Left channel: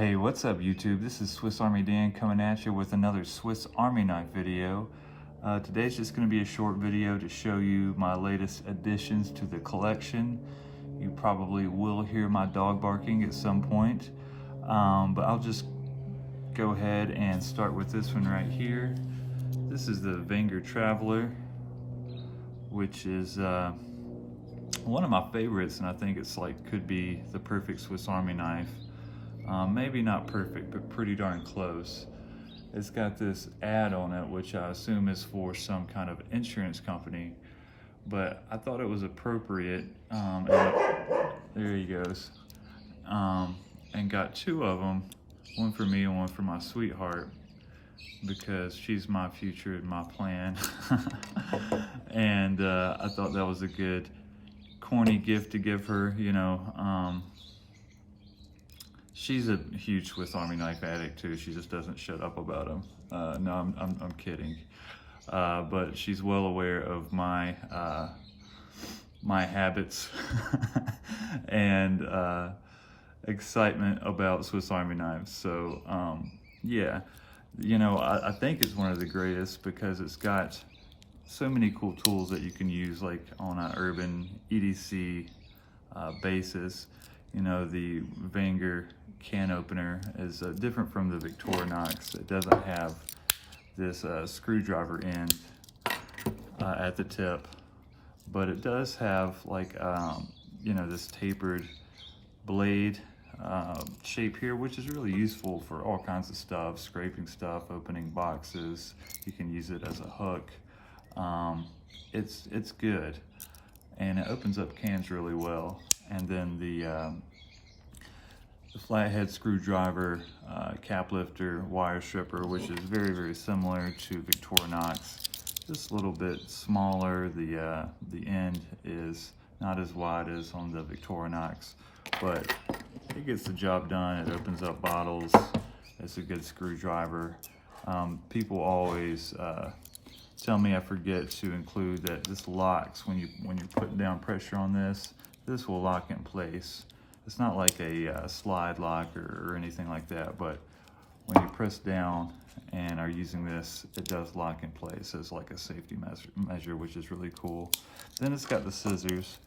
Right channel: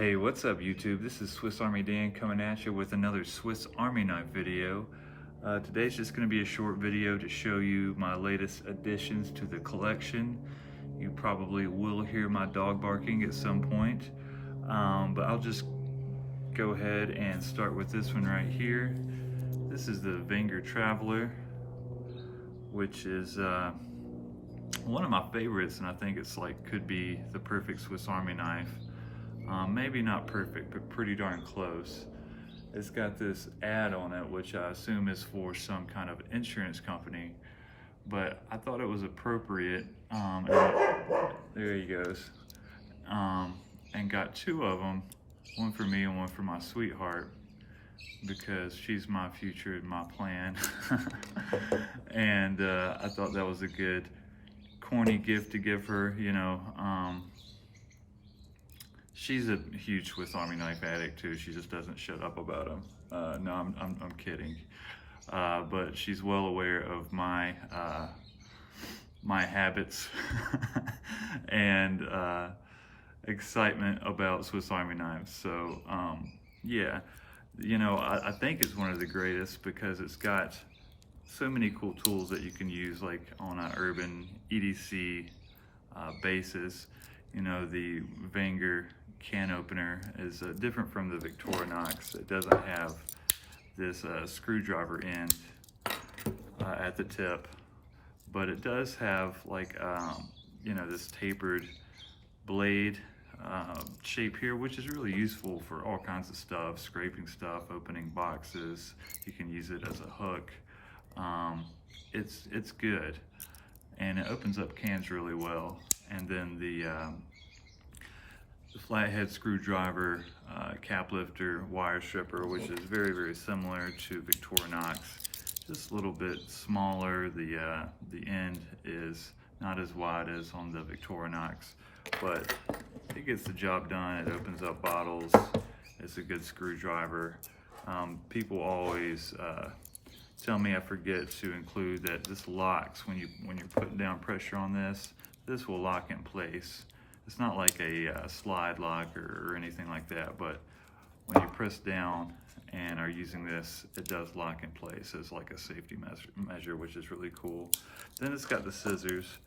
Hey, what's up YouTube? This is Swiss Army Dan coming at you with another Swiss Army knife video. Today's just going to be a short video to show you my latest additions to the collection. You probably will hear my dog barking at some point, but I'll just go ahead and start with this one right here. This is the Wenger Traveler, which is one of my favorites, and I think it's could be the perfect Swiss Army knife. Maybe not perfect, but pretty darn close. It's got this ad on it, which I assume is for some kind of insurance company, but I thought it was appropriate. And there he goes. And got two of them, one for me and one for my sweetheart, because she's my future and my plan. And I thought that was a good corny gift to give her, you know. She's a huge Swiss Army knife addict too. She just doesn't shut up about them. No, I'm kidding. But she's well aware of my my habits and excitement about Swiss Army knives. So yeah, you know, I think it's one of the greatest because it's got so many cool tools that you can use, like on an urban EDC basis. You know, the Wenger can opener is different from the Victorinox. It doesn't have this screwdriver end at the tip, but it does have you know, this tapered blade shape here, which is really useful for all kinds of stuff, scraping stuff, opening boxes. You can use it as a hook. It's good, and it opens up cans really well. And then the flathead screwdriver, cap lifter, wire stripper, which is very, very similar to Victorinox, just a little bit smaller. The end is not as wide as on the Victorinox, but it gets the job done. It opens up bottles. It's a good screwdriver. People always tell me I forget to include that this locks when you're putting down pressure on this. This will lock in place. It's not like a slide lock or anything like that, but when you press down and are using this, it does lock in place as like a safety measure, which is really cool. Then it's got the scissors,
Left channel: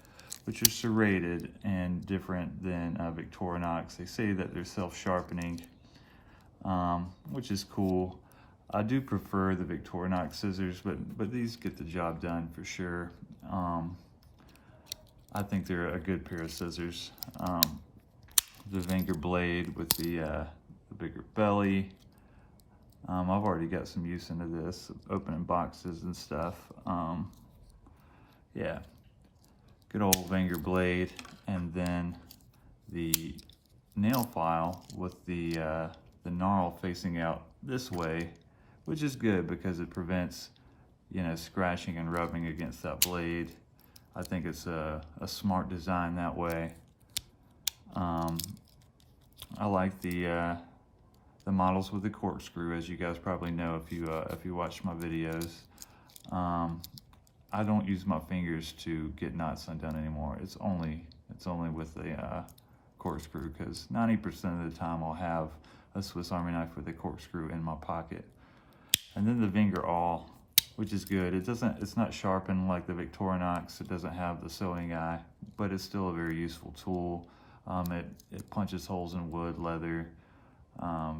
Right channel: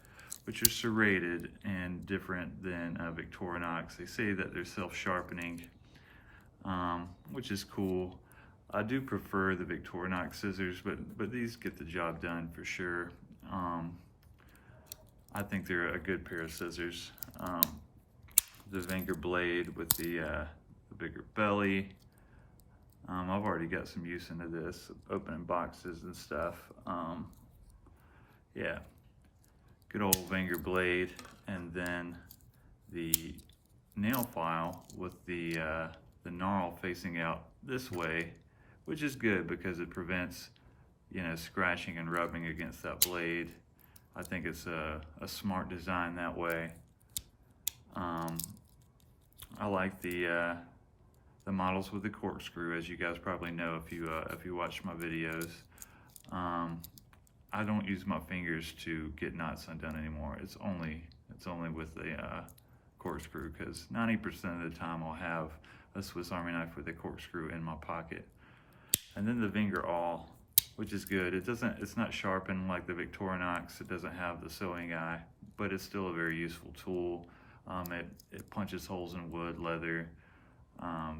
which are serrated and different than Victorinox. They say that they're self-sharpening, which is cool. I do prefer the Victorinox scissors, but these get the job done for sure. I think they're a good pair of scissors. The Wenger blade with the bigger belly. I've already got some use into this, opening boxes and stuff. Yeah, good old Wenger blade. And then the nail file with the gnarl facing out this way, which is good because it prevents, you know, scratching and rubbing against that blade. I think it's a smart design that way. I like the models with the corkscrew, as you guys probably know if you watch my videos. I don't use my fingers to get knots undone anymore. It's only with the corkscrew, because 90% of the time I'll have a Swiss Army knife with a corkscrew in my pocket. And then the Wenger awl, which is good. It's not sharpened like the Victorinox. It doesn't have the sewing eye, but it's still a very useful tool. It punches holes in wood, leather,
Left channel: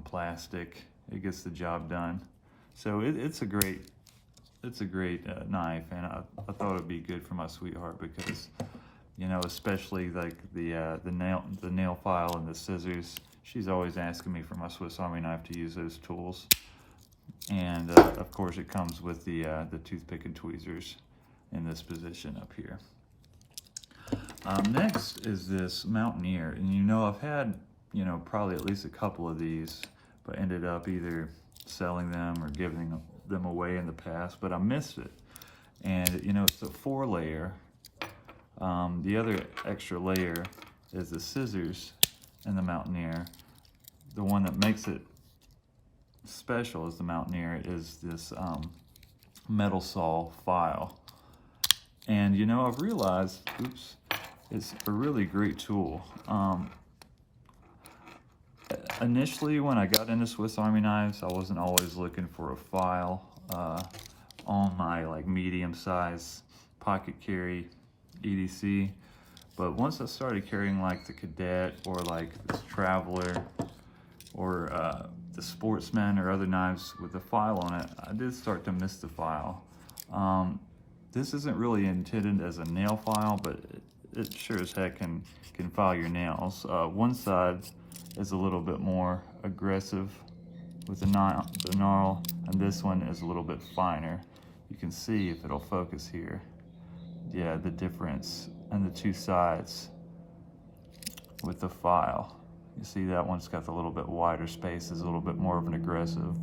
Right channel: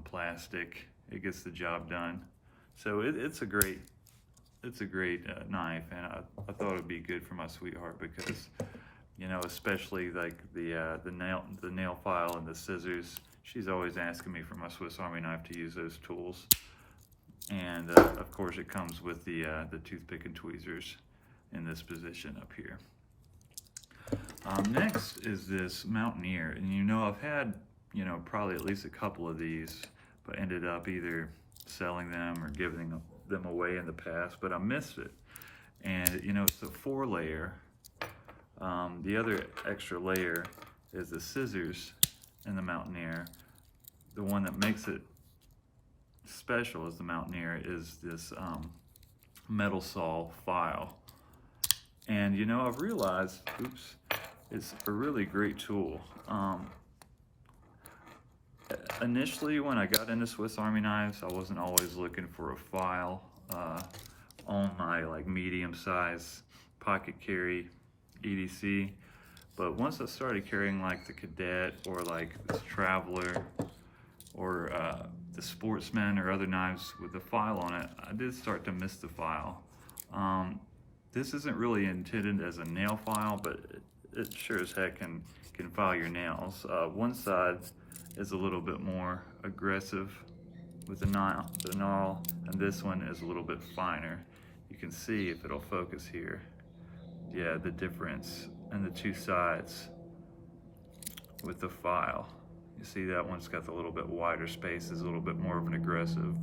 plastic. It gets the job done. So it's a great knife, and I thought it'd be good for my sweetheart because, you know, especially like the nail file and the scissors. She's always asking me for my Swiss Army knife to use those tools. And of course it comes with the toothpick and tweezers in this position up here. Next is this Mountaineer, and you know, I've had, you know, probably at least a couple of these, but ended up either selling them or giving them away in the past, but I missed it. And you know, it's a 4-layer. The other extra layer is the scissors in the Mountaineer. The one that makes it special as the Mountaineer is this metal saw file. And you know, I've realized, oops, it's a really great tool. Initially, when I got into Swiss Army knives, I wasn't always looking for a file on my like medium size pocket carry EDC. But once I started carrying like the Cadet or like this Traveler or the Sportsman or other knives with a file on it, I did start to miss the file. This isn't really intended as a nail file, but it sure as heck can file your nails. One side is a little bit more aggressive with the gnarl, and this one is a little bit finer. You can see, if it'll focus here, yeah, the difference in the two sides with the file. You see that one's got the little bit wider spaces, a little bit more of an aggressive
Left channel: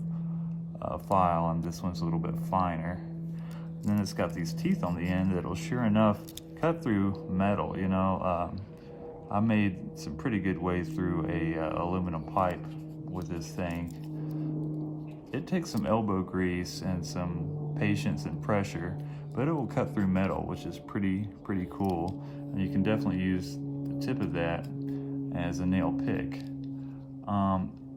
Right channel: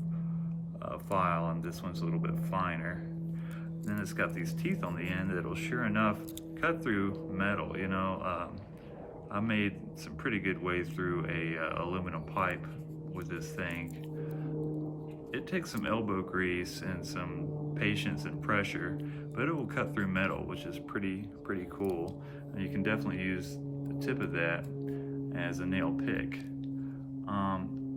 file, and this one's a little bit finer. And then it's got these teeth on the end that'll sure enough cut through metal. You know, I made some pretty good way through a aluminum pipe with this thing. It takes some elbow grease and some patience and pressure, but it will cut through metal, which is pretty cool. And you can definitely use the tip of that as a nail pick.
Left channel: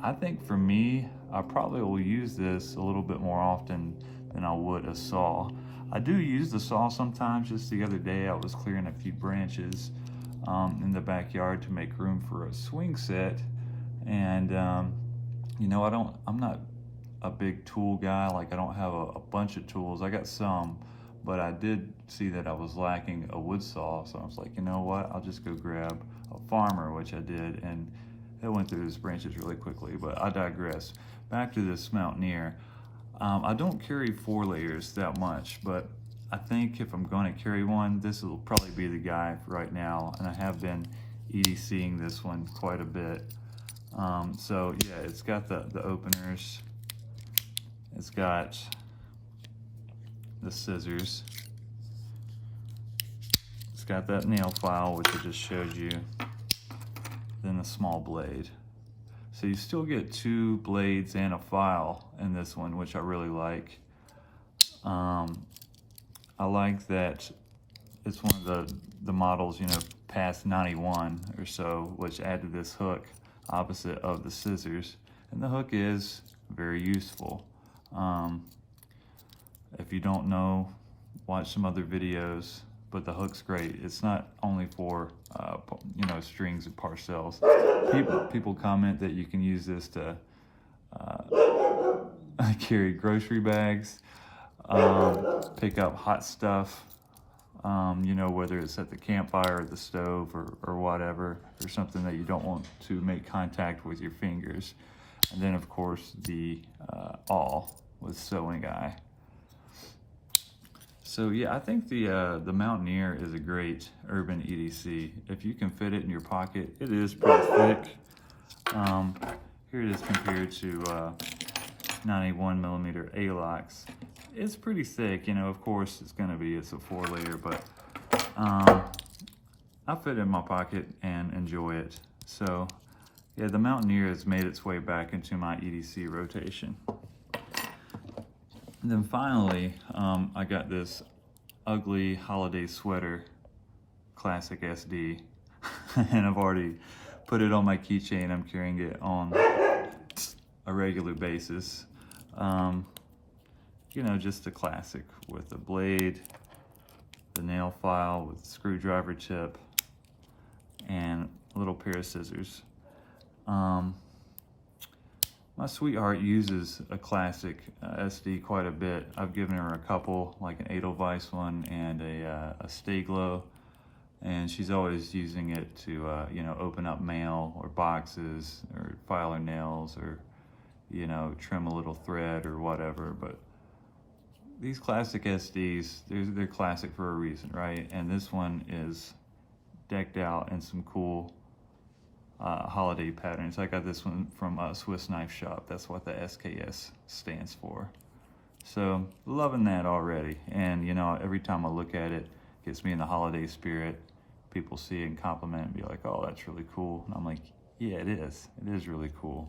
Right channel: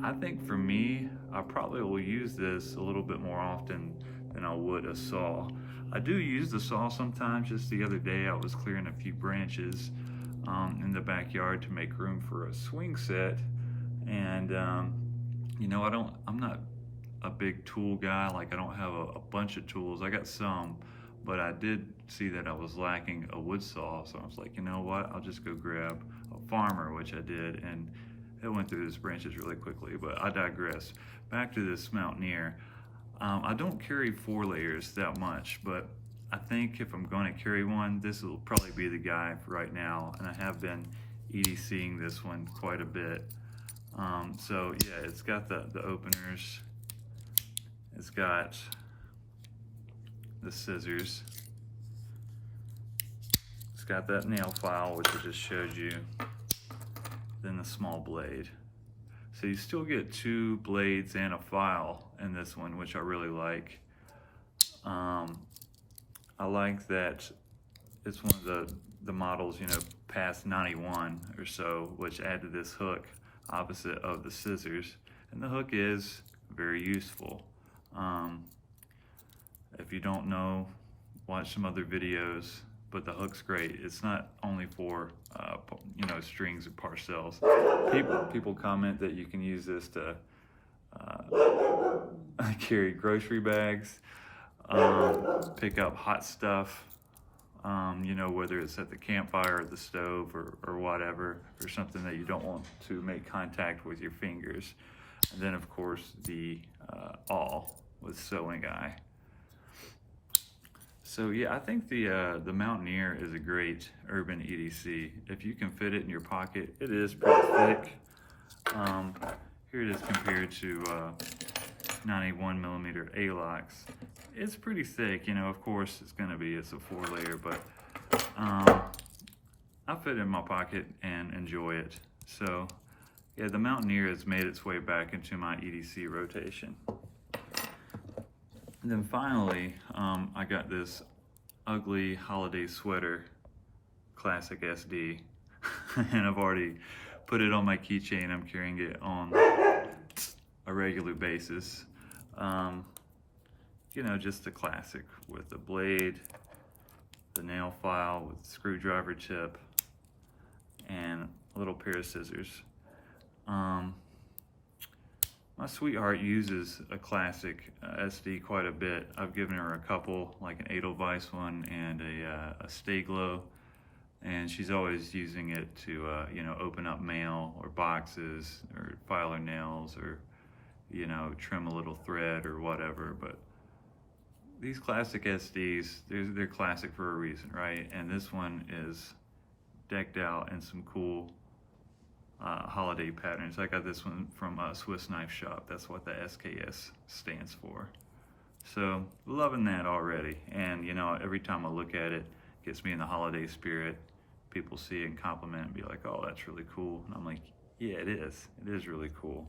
I think for me, I probably will use this a little bit more often than I would a saw. I do use the saw sometimes. Just the other day, I was clearing a few branches in the backyard to make room for a swing set, and you know, I'm not a big tool guy. Like, I don't have a bunch of tools. I got some, but I did see that I was lacking a wood saw, so I was like, you know what, I'll just go grab a Farmer, which I did, and it went through those branches really quickly. But I digress. Back to this Mountaineer. I don't carry 4 layers that much, but I think if I'm going to carry one, this will probably be the guy for right now, and I have been EDCing this one quite a bit. So yeah, it's got the openers, it's got the scissors, it's got that nail file, which I just showed you, then the small blade. So you still get 2 blades and a file in this one, which I really like. I like that it's one of the models, you know, past 91 or so, which added this hook opposite of the scissors. And the hook is very useful. If you don't know, watch some other videos, but the hook's great. It's not only for, you know, strings and parcels. People comment that you can use this to carry grocery bags, pick up hot stuff, you know, whether it's at the campfire or the stove or whatever, or something that you don't want to make contact with your fingers. And then of course the awl with sewing eye. So yeah, I think the Mountaineer is a great urban EDC. If you can fit it in your pocket, it is pretty thick. Here it is compared to 91mm A-locks. It's pretty thick, you know. Of course, it's a 4-layer, but I fit it in my pocket and enjoy it. So yeah, the Mountaineer has made its way back into my EDC rotation. And then finally, I got this ugly holiday sweater, classic SD, and I've already put it on my keychain. I'm carrying it on a regular basis. You know, just a classic with the blade, the nail file with screwdriver tip, and a little pair of scissors. My sweetheart uses a classic SD quite a bit. I've given her a couple, like an Edelweiss one and a Stay-Glo, and she's always using it to, you know, open up mail or boxes or file her nails or, you know, trim a little thread or whatever. But these classic SDs, they're classic for a reason, right? And this one is decked out in some cool holiday patterns. I got this one from Swiss Knife Shop. That's what the SKS stands for. So loving that already. And you know, every time I look at it, it gets me in the holiday spirit. People see it and compliment and be like, oh, that's really cool. And I'm like, yeah, it is. It is really cool.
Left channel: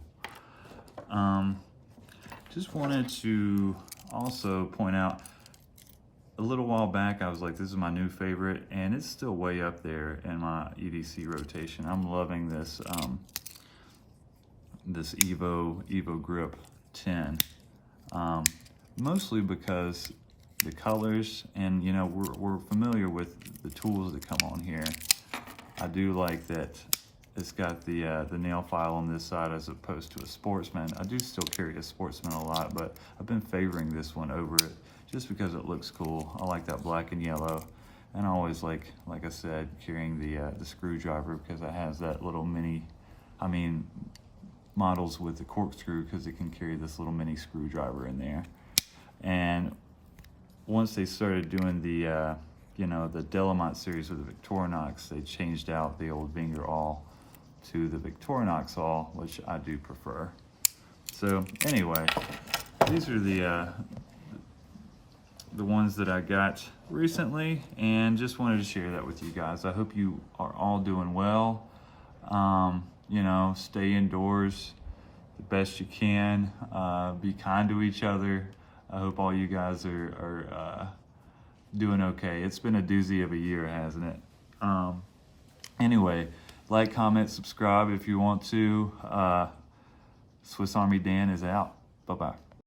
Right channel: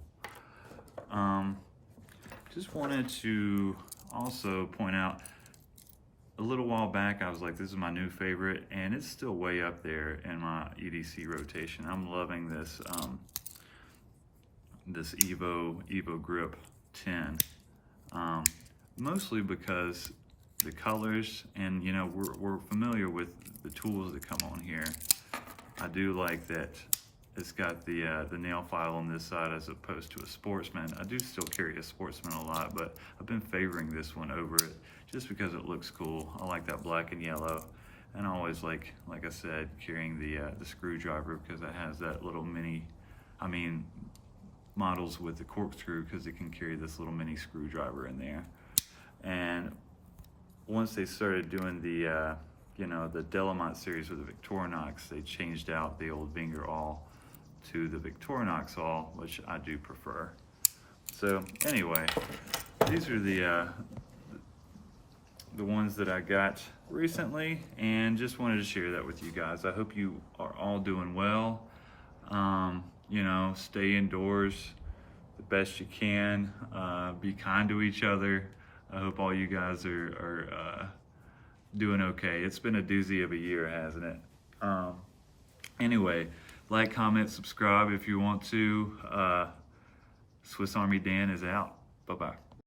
Just wanted to also point out, a little while back, I was like, this is my new favorite, and it's still way up there in my EDC rotation. I'm loving this this Evo Grip 10, mostly because the colors, and you know, we're familiar with the tools that come on here. I do like that it's got the nail file on this side as opposed to a Sportsman. I do still carry a Sportsman a lot, but I've been favoring this one over it just because it looks cool. I like that black and yellow, and I always like I said, carrying the screwdriver because it has that little mini, models with the corkscrew, because it can carry this little mini screwdriver in there. And once they started doing the the Delamont series with the Victorinox, they changed out the old Wenger awl to the Victorinox awl, which I do prefer. So anyway, these are the ones that I got recently, and just wanted to share that with you guys. I hope you are all doing well. You know, stay indoors the best you can. Be kind to each other. I hope all you guys are doing okay. It's been a doozy of a year, hasn't it? Anyway, like, comment, subscribe if you want to. Swiss Army Dan is out. Bye-bye.